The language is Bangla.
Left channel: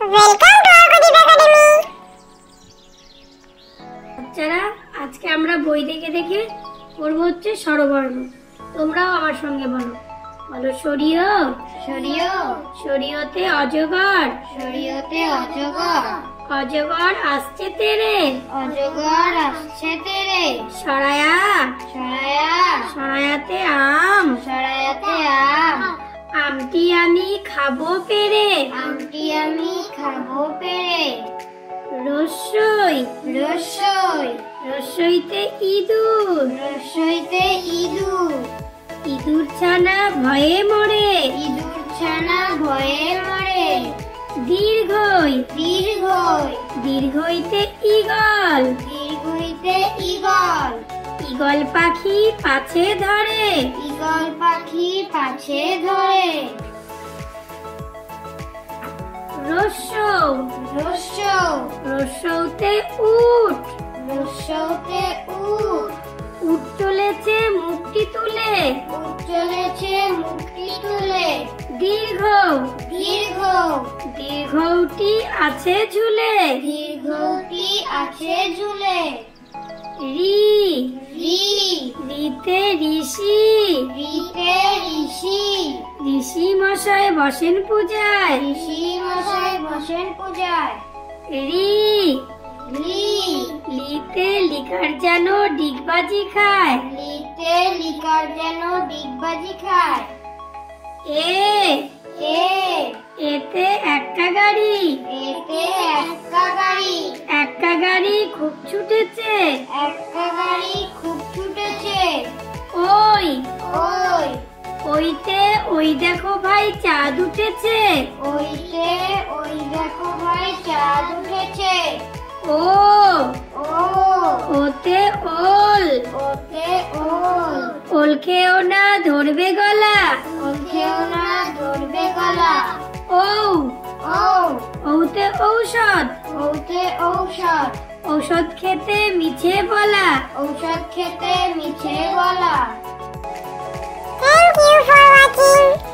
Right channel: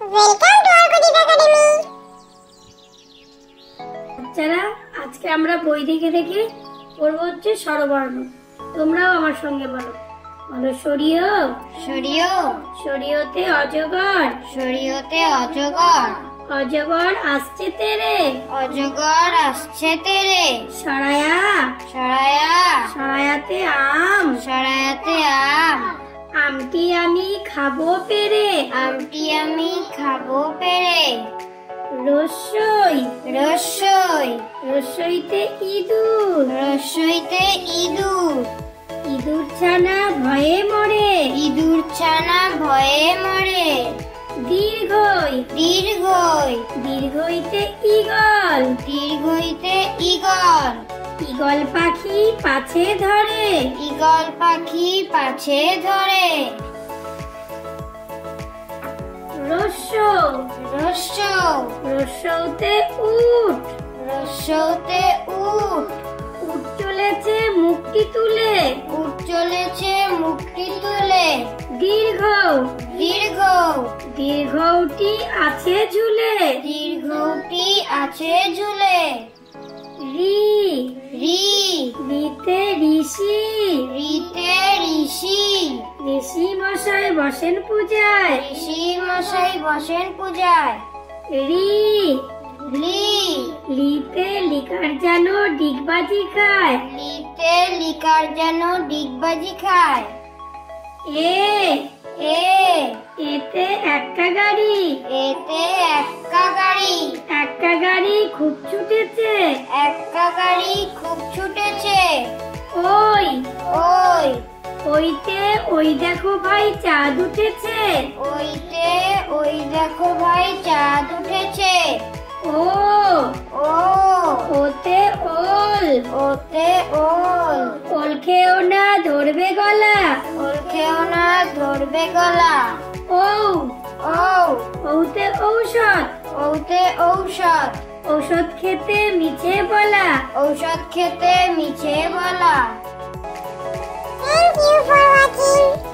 Welcome to আরগদীপ academy. বাচ্চারা, আজকে আমরা বই থেকে দেখে পড়ব হচ্ছে স্বরবর্ণ। তোমরাও আমার সঙ্গে বলো। বলো সরিয় সরিয় সরিয়তে অজগর, সরিয়তে অজগর, অজগর আসছে তেরে, অজগর আসছে তেরে, সরায়া সরায়া সরায়াতে আম, সরায়াতে আম, আমটি আমি খাবো পেরে, আমটি আমি খাবো পেরে, রসই রসই রসইতে ইঁদুর, রসইতে ইঁদুর, ইঁদুর ছানা ভয়ে মরে, ইঁদুর ছানা ভয়ে মরে, দীর্ঘই দীর্ঘই দীর্ঘইতে ঈগল, দীর্ঘইতে ঈগল, ঈগল পাখি পাছে ধরে, ঈগল পাখি পাছে ধরে, রস্যৌ রস্যৌ রস্যৌতে উট, রস্যৌতে উট, উট চলেছে মুখটি তুলে, উট চলেছে মুখটি তুলে, দীর্ঘ দীর্ঘ দীর্ঘটি আছে ঝুলে, দীর্ঘটি আছে ঝুলে, রি রি রিতে ঋষি, রিতে ঋষি, ঋষি মশাই বসেন পূজায়, ঋষি মশাই বসেন পূজায়, রি লি লিতে লিকার যেন ডিগবাজি খায়, লিতে লিকার যেন ডিগবাজি খায়, এ এ এতে এক্কা গাড়ি, এতে এক্কা গাড়ি, এক্কা গাড়ি খুব ছুটেছে, এক্কা গাড়ি খুব ছুটেছে, ওই ওই ওইতে ওই দেখো ভাই চাঁদ উঠেছে, ওইতে ওই দেখো ভাই চাঁদ উঠেছে, ও ও ওতে ওল, ওতে ওল, ওল খেও না ধরবে গলা, ওল খেও না ধরবে গলা, ও ও ওতে ঔষধ, ওতে ঔষধ, ঔষধ খেতে মিছে বলা। ঔষধ খেতে মিছে বলা। Thank you for watching.